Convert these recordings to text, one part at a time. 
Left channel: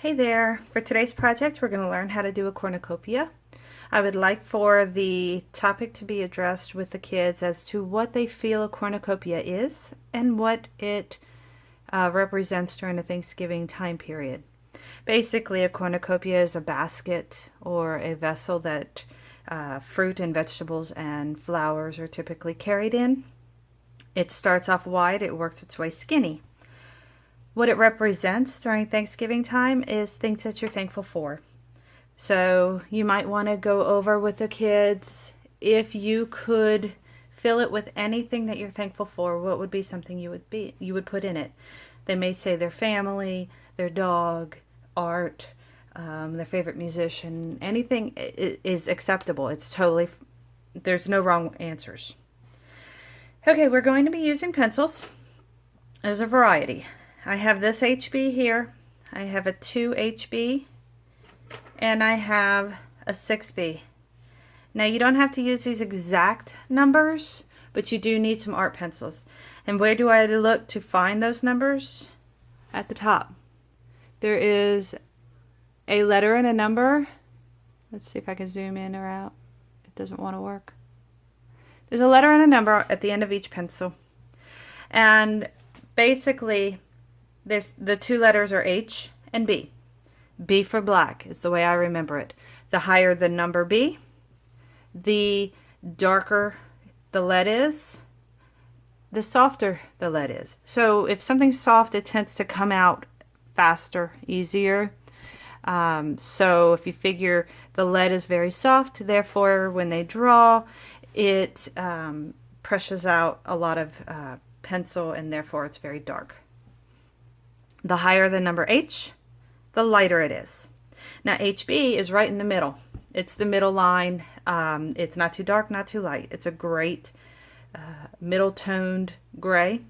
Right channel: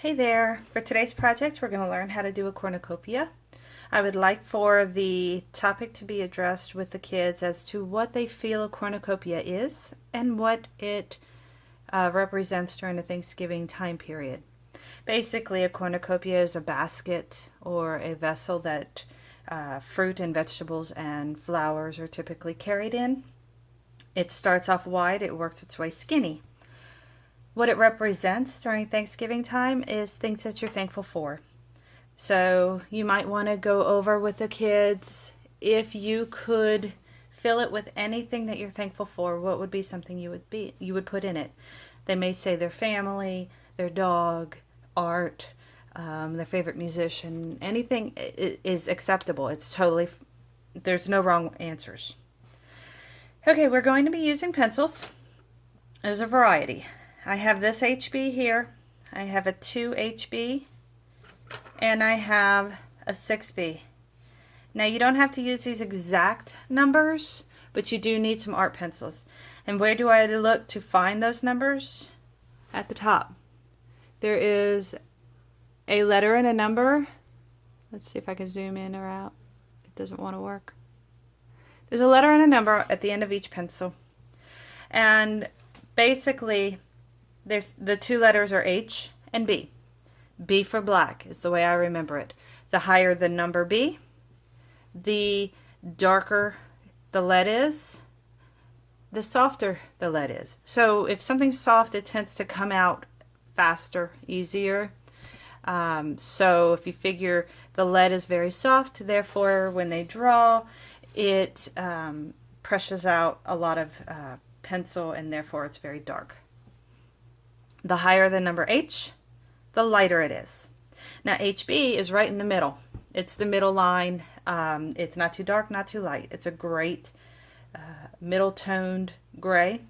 Hey there! For today's project, we're going to learn how to do a cornucopia. I would like for the topic to be addressed with the kids as to what they feel a cornucopia is and what it represents during the Thanksgiving time period. Basically, a cornucopia is a basket or a vessel that fruit and vegetables and flowers are typically carried in. It starts off wide, it works its way skinny. What it represents during Thanksgiving time is things that you're thankful for. So you might want to go over with the kids, if you could fill it with anything that you're thankful for, what would be something you would put in it? They may say their family, their dog, art, their favorite musician. Anything is acceptable. It's totally, there's no wrong answers. Okay, we're going to be using pencils. There's a variety. I have this HB here, I have a 2 HB, and I have a 6B. Now you don't have to use these exact numbers, but you do need some art pencils. And where do I look to find those numbers? At the top. There is a letter and a number. Let's see if I can zoom in or out. It doesn't want to work. There's a letter and a number at the end of each pencil. And basically, the two letters are H and B. B for black is the way I remember it. The higher the number B, the darker the lead is, the softer the lead is. So if something's soft, it tends to come out faster, easier. So if you figure the lead is very soft, therefore when they draw, it presses out a lot of pencil, and therefore it's very dark. The higher the number H, the lighter it is. Now HB is right in the middle. It's the middle line. It's not too dark, not too light. It's a great middle toned gray.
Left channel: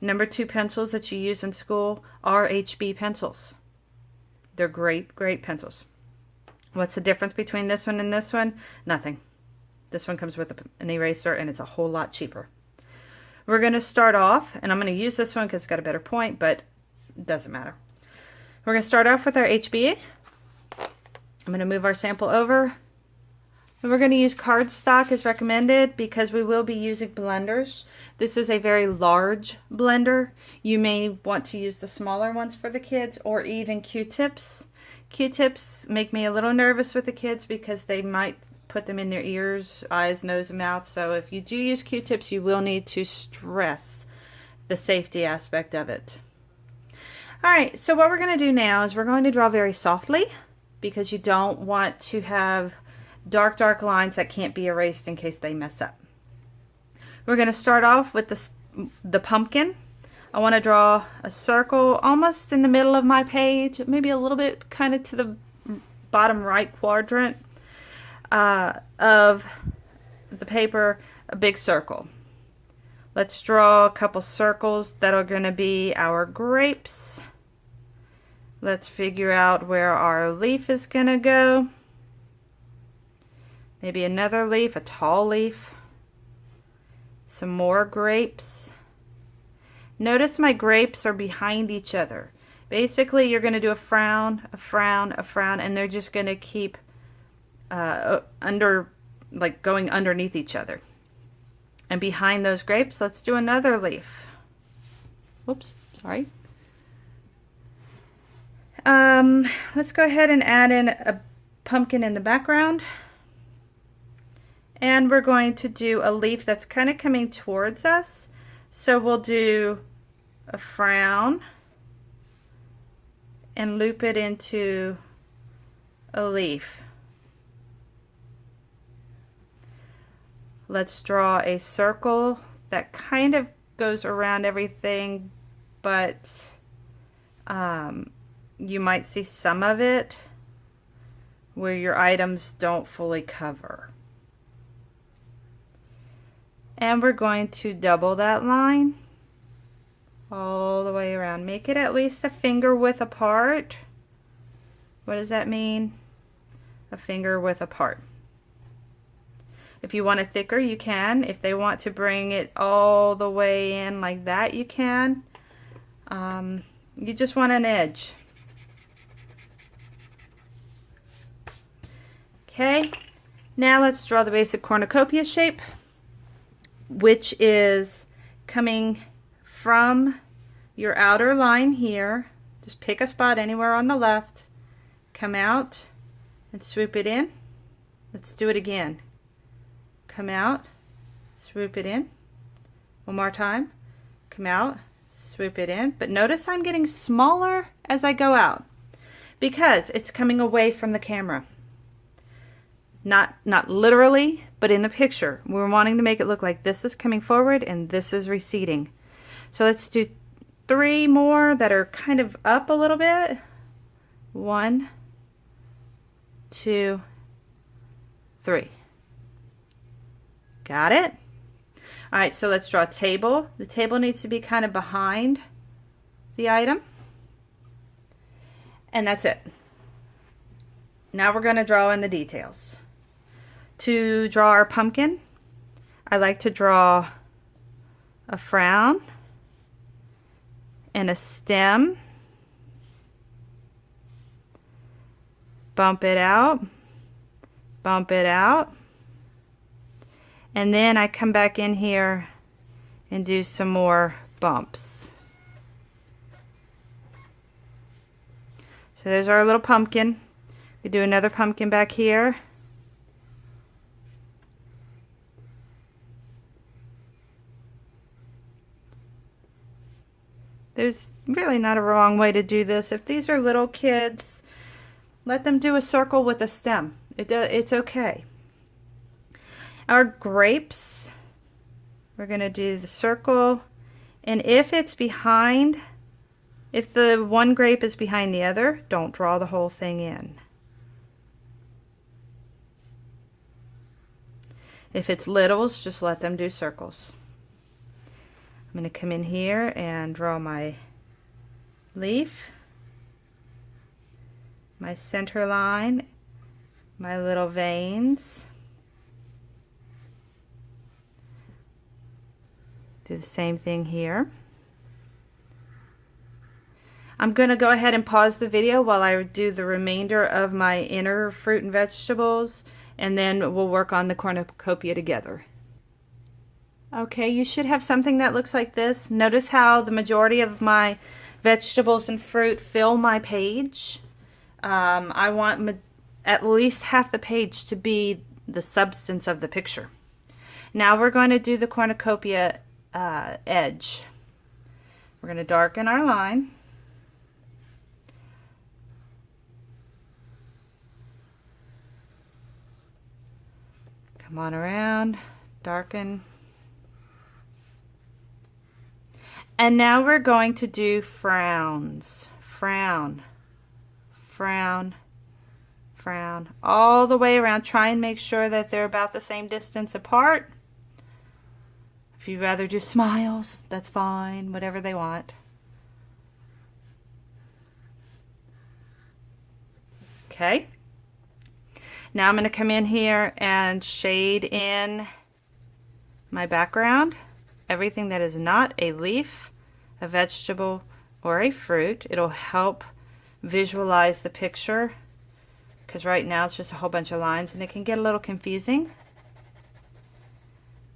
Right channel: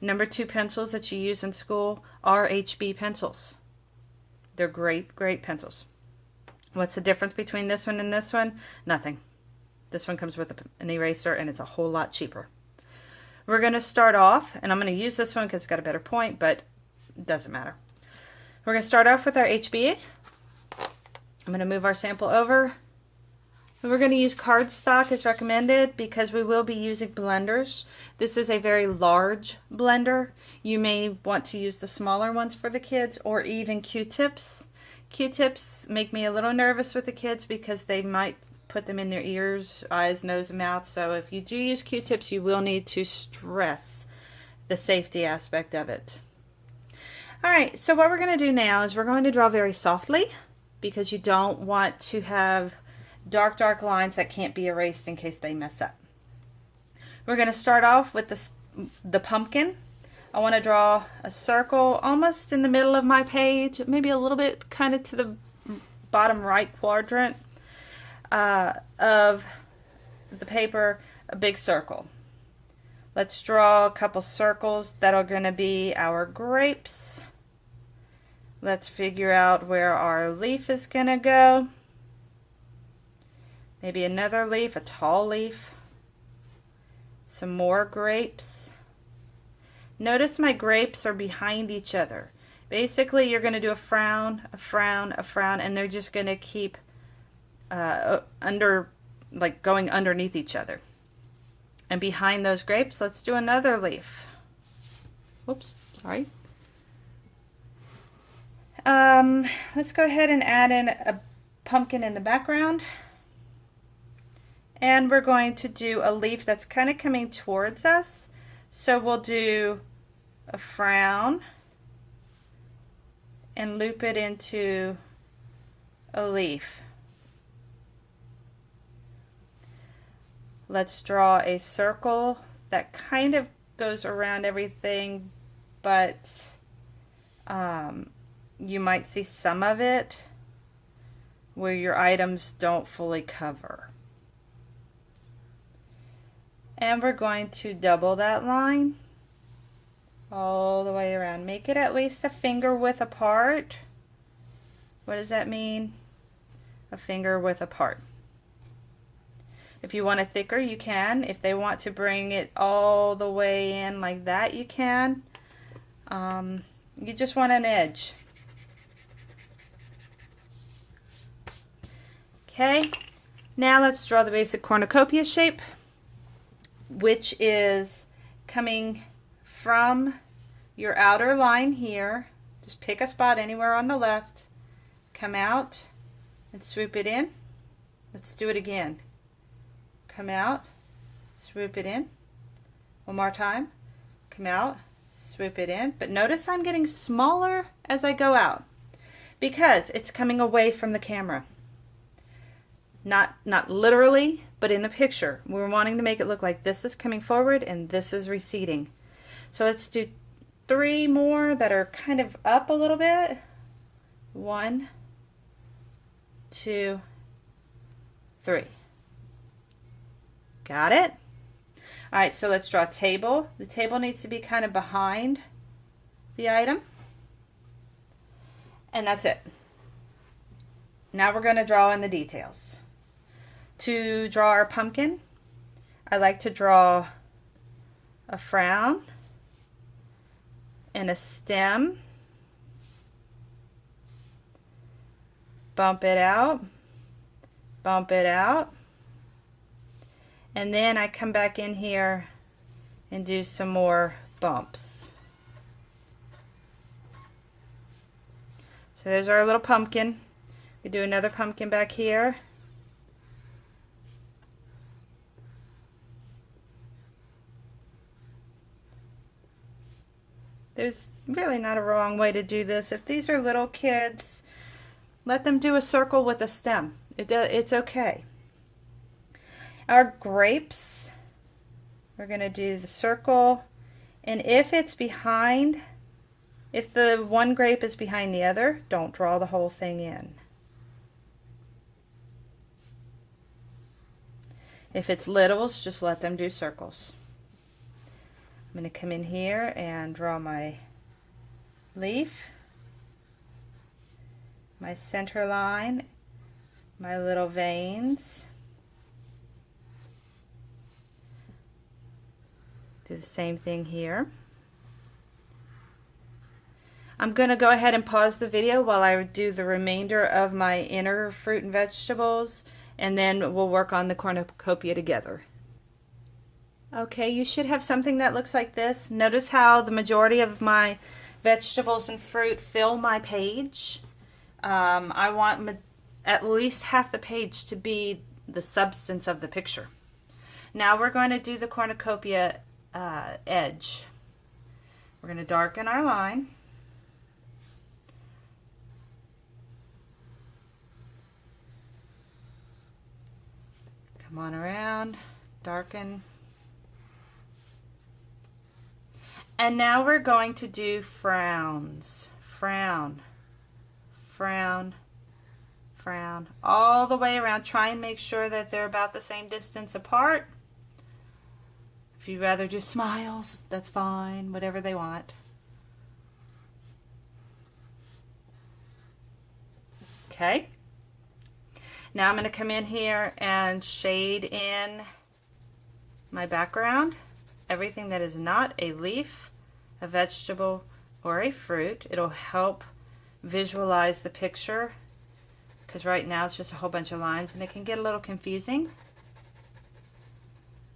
Number 2 pencils that you use in school are HB pencils. They're great pencils. What's the difference between this one and this one? Nothing. This one comes with an eraser, and it's a whole lot cheaper. We're going to start off, and I'm going to use this one because it's got a better point, but it doesn't matter. We're going to start off with our HB. I'm going to move our sample over. And we're going to use cardstock as recommended because we will be using blenders. This is a very large blender. You may want to use the smaller ones for the kids, or even Q-tips. Q-tips make me a little nervous with the kids because they might put them in their ears, eyes, nose, and mouth. So if you do use Q-tips, you will need to stress the safety aspect of it. Alright, so what we're going to do now is we're going to draw very softly because you don't want to have dark lines that can't be erased in case they mess up. We're going to start off with the pumpkin. I want to draw a circle almost in the middle of my page, maybe a little bit kind of to the bottom right quadrant of the paper, a big circle. Let's draw a couple circles that are going to be our grapes. Let's figure out where our leaf is going to go. Maybe another leaf, a tall leaf. Some more grapes. Notice my grapes are behind each other. Basically, you're going to do a frown, a frown, a frown, and they're just going to keep going underneath each other. And behind those grapes, let's do another leaf. Oops, sorry. Let's go ahead and add in a pumpkin in the background. And we're going to do a leaf that's kind of coming towards us. So we'll do a frown and loop it into a leaf. Let's draw a circle that kind of goes around everything, but you might see some of it where your items don't fully cover. And we're going to double that line all the way around. Make it at least a finger width apart. What does that mean? A finger width apart. If you want it thicker, you can. If they want to bring it all the way in like that, you can. You just want an edge. Okay, now let's draw the basic cornucopia shape, which is coming from your outer line here. Just pick a spot anywhere on the left, come out and swoop it in. Let's do it again. Come out, swoop it in. One more time. Come out, swoop it in. But notice I'm getting smaller as I go out because it's coming away from the camera. Not literally, but in the picture. We're wanting to make it look like this is coming forward and this is receding. So let's do 3 more that are kind of up a little bit. 1, 2, 3. Got it? All right, so let's draw a table. The table needs to be kind of behind the item. And that's it. Now we're going to draw in the details. To draw our pumpkin, I like to draw a frown and a stem. Bump it out, and then I come back in here and do some more bumps. So there's our little pumpkin. We do another pumpkin back here. There's really not a wrong way to do this. If these are little kids, let them do a circle with a stem. It's okay. Our grapes, we're going to do the circle, and if it's behind, if the one grape is behind the other, don't draw the whole thing in. If it's littles, just let them do circles. I'm going to come in here and draw my leaf, my center line, my little veins. Do the same thing here. I'm going to go ahead and pause the video while I do the remainder of my inner fruit and vegetables, and then we'll work on the cornucopia together. Okay, you should have something that looks like this. Notice how the majority of my vegetables and fruit fill my page. I want at least half the page to be the substance of the picture. Now we're going to do the cornucopia edge. We're going to darken our line. Come on around, darken. And now we're going to do frowns. Frown, frown, frown, all the way around. Try and make sure that they're about the same distance apart. If you'd rather do smiles, that's fine, whatever they want. Okay. Now I'm going to come in here and shade in my background. Everything that is not a leaf, a vegetable, or a fruit. It'll help visualize the picture, because right now it's just a whole bunch of lines and it can get a little confusing.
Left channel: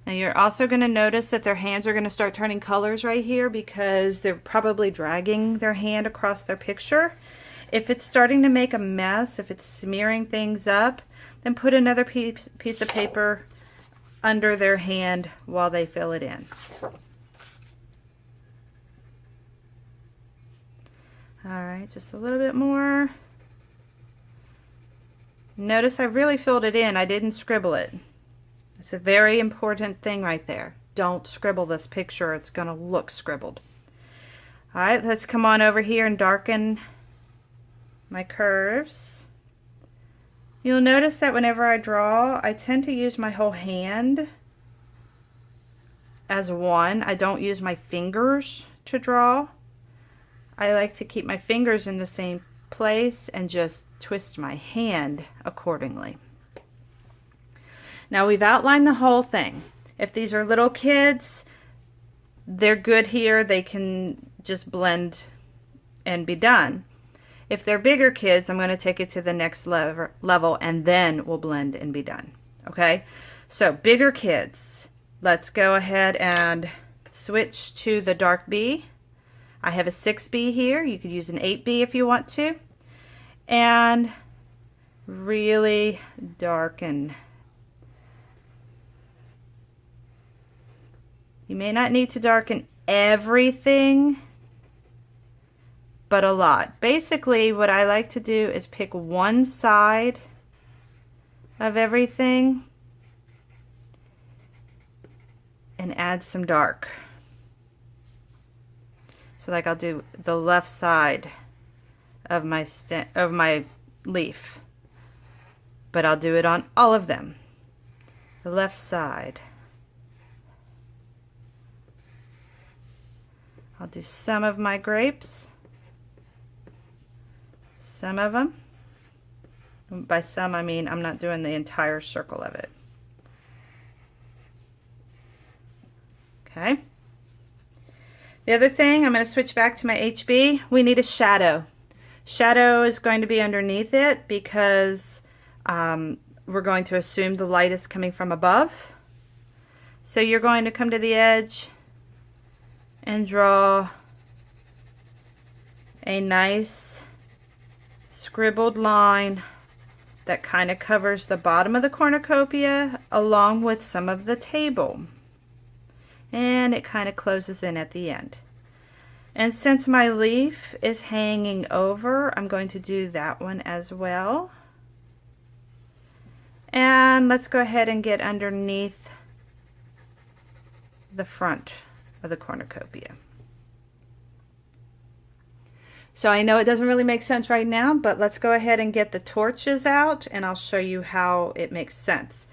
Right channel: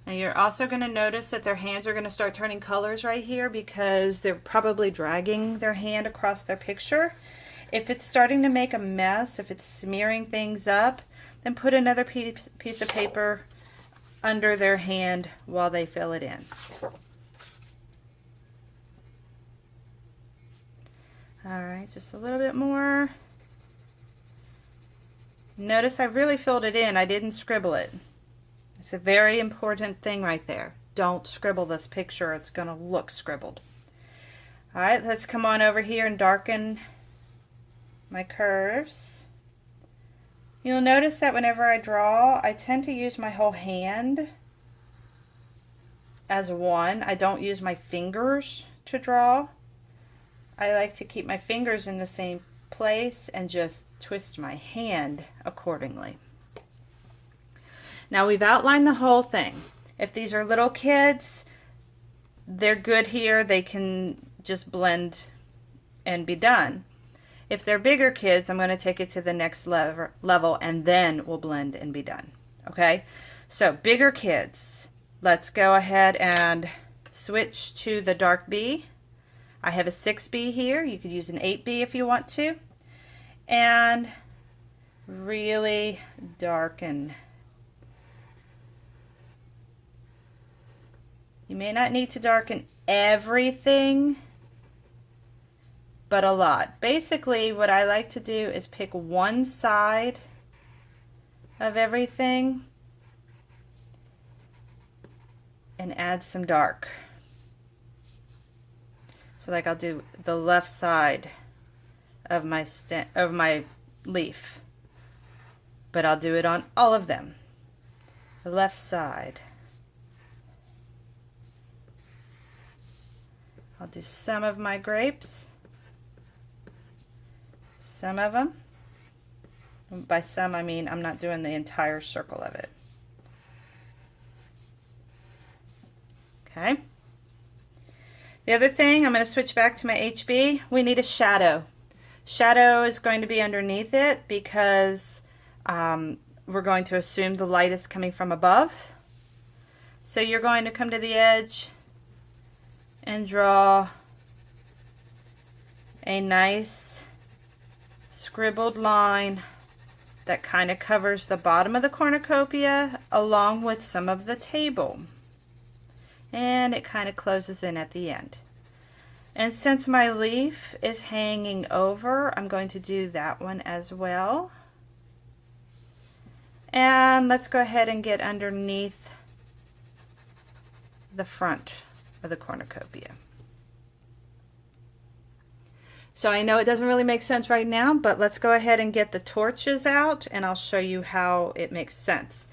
Now you're also going to notice that their hands are going to start turning colors right here because they're probably dragging their hand across their picture. If it's starting to make a mess, if it's smearing things up, then put another piece of paper under their hand while they fill it in. Alright, just a little bit more. Notice I really filled it in. I didn't scribble it. It's a very important thing right there. Don't scribble this picture. It's going to look scribbled. Alright, let's come on over here and darken my curves. You'll notice that whenever I draw, I tend to use my whole hand as one. I don't use my fingers to draw. I like to keep my fingers in the same place and just twist my hand accordingly. Now we've outlined the whole thing. If these are little kids, they're good here. They can just blend and be done. If they're bigger kids, I'm going to take it to the next level and then we'll blend and be done. Okay, so bigger kids, let's go ahead and switch to the dark B. I have a 6B here. You could use an 8B if you want to. And really darken. You may not need to darken everything, but a lot. Basically, what I like to do is pick one side of everything and add some dark. So like I'll do the left side of my leaf, but I'll do it on all of them. The left side. I'll do some of my grapes, some of them. By some I mean I'm not doing the entire circle of it. Okay. The other thing, I'm going to switch back to my HB. We need a shadow. Shadow is going to be underneath it because we're going to assume the light is coming from above. So you're going to come to the edge and draw a nice scribbled line that kind of covers the bottom of the cornucopia along with some of the table. And it kind of closes in at the end. And since my leaf is hanging over, I'm going to do that one as well. And let's go ahead and get underneath the front of the cornucopia. So I know it doesn't really make sense right now, but let's go ahead and get the torches out and I'll show you how it makes sense.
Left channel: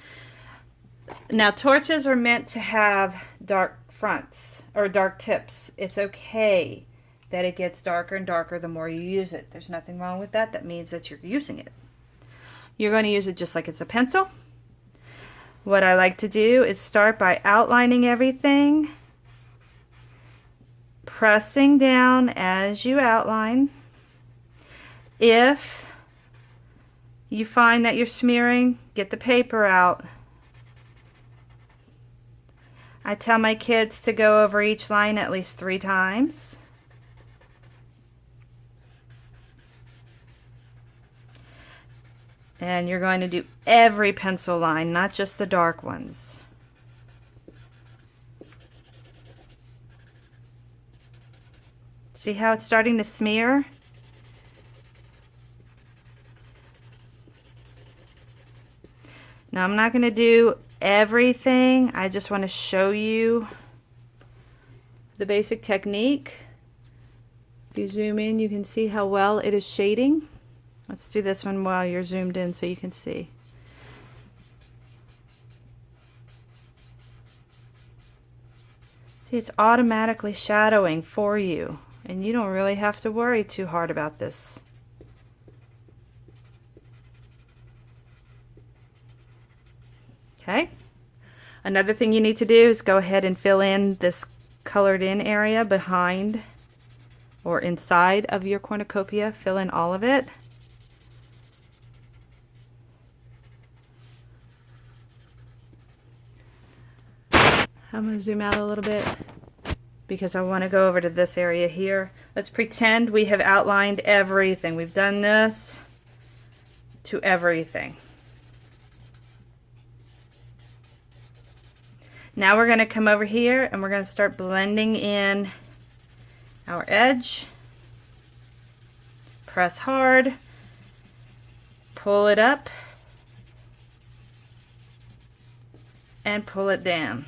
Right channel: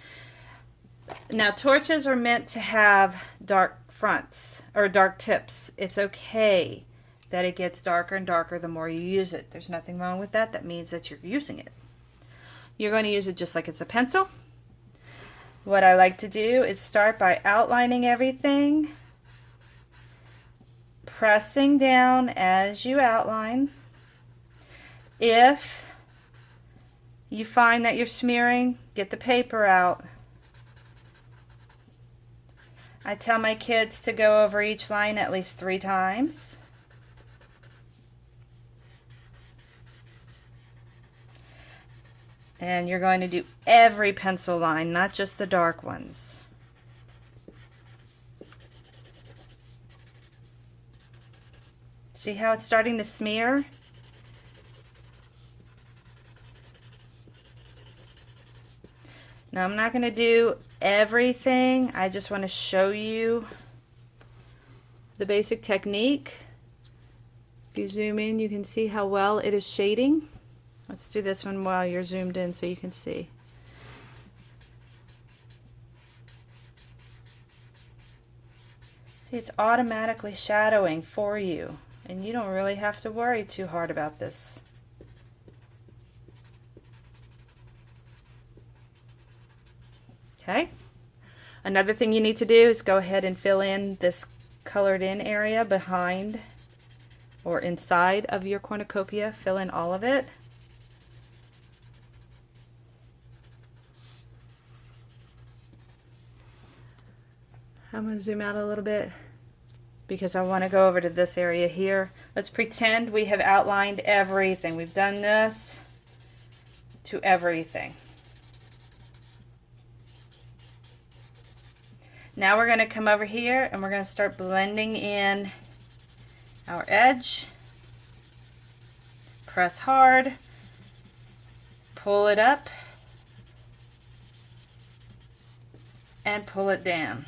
Now torches are meant to have dark fronts or dark tips. It's okay that it gets darker and darker the more you use it. There's nothing wrong with that. That means that you're using it. You're going to use it just like it's a pencil. What I like to do is start by outlining everything, pressing down as you outline. If you find that you're smearing, get the paper out. I tell my kids to go over each line at least 3 times. And you're going to do every pencil line, not just the dark ones. See how it's starting to smear? Now I'm not going to do everything. I just want to show you the basic technique. If you zoom in, you can see how well it is shading. Let's do this one while you're zoomed in so you can see. See, it's automatically shadowing for you, and you don't really have to worry too hard about this. Okay. Another thing you need to do is go ahead and fill in this colored in area behind or inside of your cornucopia. Fill in all of it. I'm going to zoom out a little bit because I want to go over to this area here. Let's pretend we have outlined everything. We've done this to everything. Now we're going to come over here and we're going to start blending in our edge. Press hard, pull it up, and pull it down.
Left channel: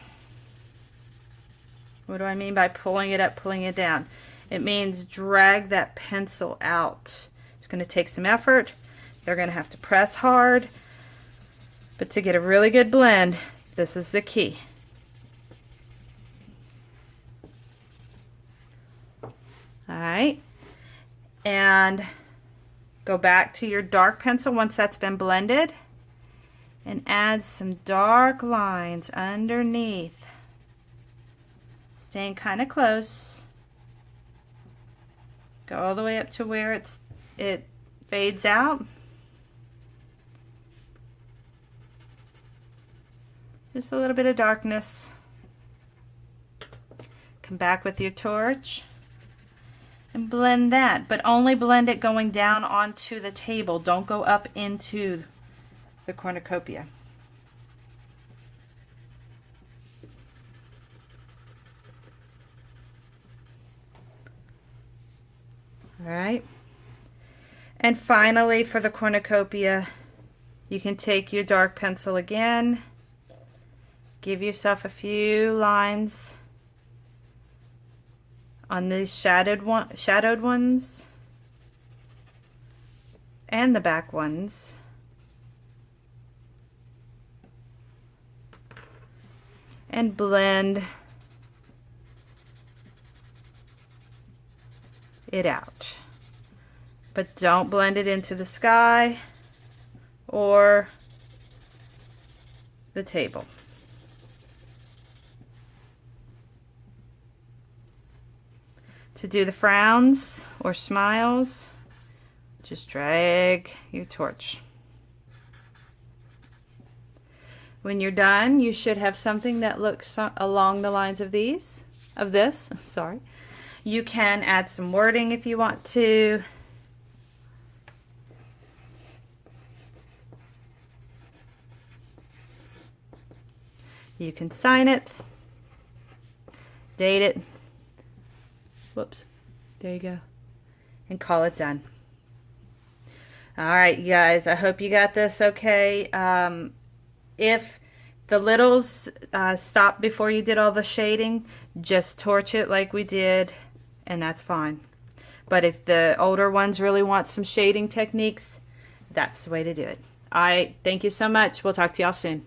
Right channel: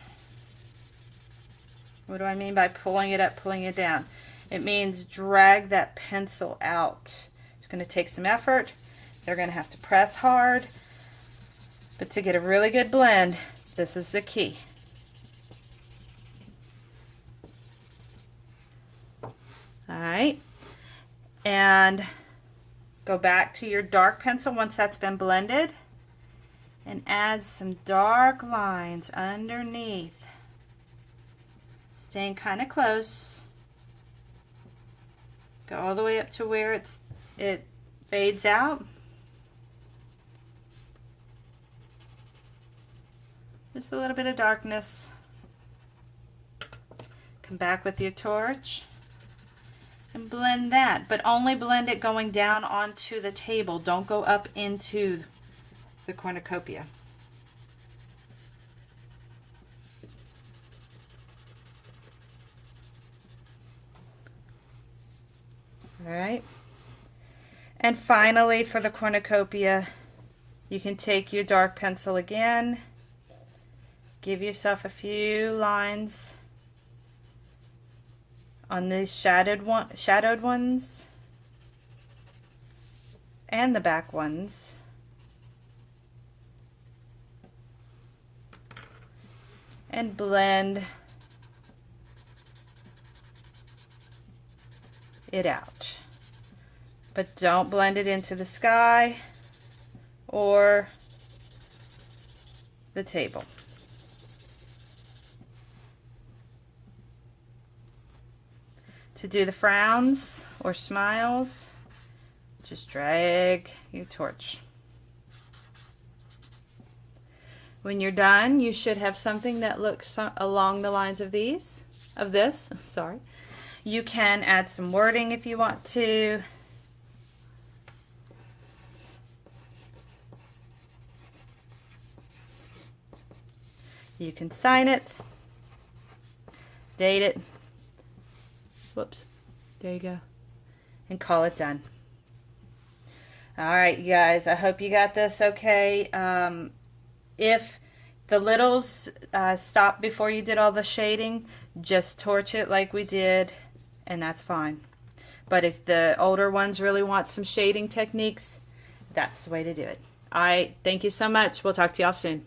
What do I mean by pulling it up, pulling it down? It means drag that pencil out. It's going to take some effort. They're going to have to press hard. But to get a really good blend, this is the key. Alright, and go back to your dark pencil once that's been blended and add some dark lines underneath, staying kind of close. Go all the way up to where it's it fades out. Just a little bit of darkness. Come back with your torch and blend that, but only blend it going down onto the table. Don't go up into the cornucopia. All right. And finally, for the cornucopia, you can take your dark pencil again. Give yourself a few lines on these shadowed ones and the back ones. And blend it out. But don't blend it into the sky or the table. To do the frowns or smiles, just drag your torch. When you're done, you should have something that looks along the lines of this. Sorry. You can add some wording if you want to. You can sign it, date it. Whoops, there you go, and call it done. All right, you guys, I hope you got this okay. If the littles stopped before you did all the shading, just torch it like we did, and that's fine. But if the older ones really want some shading techniques, that's the way to do it. All right, thank you so much. We'll talk to y'all soon.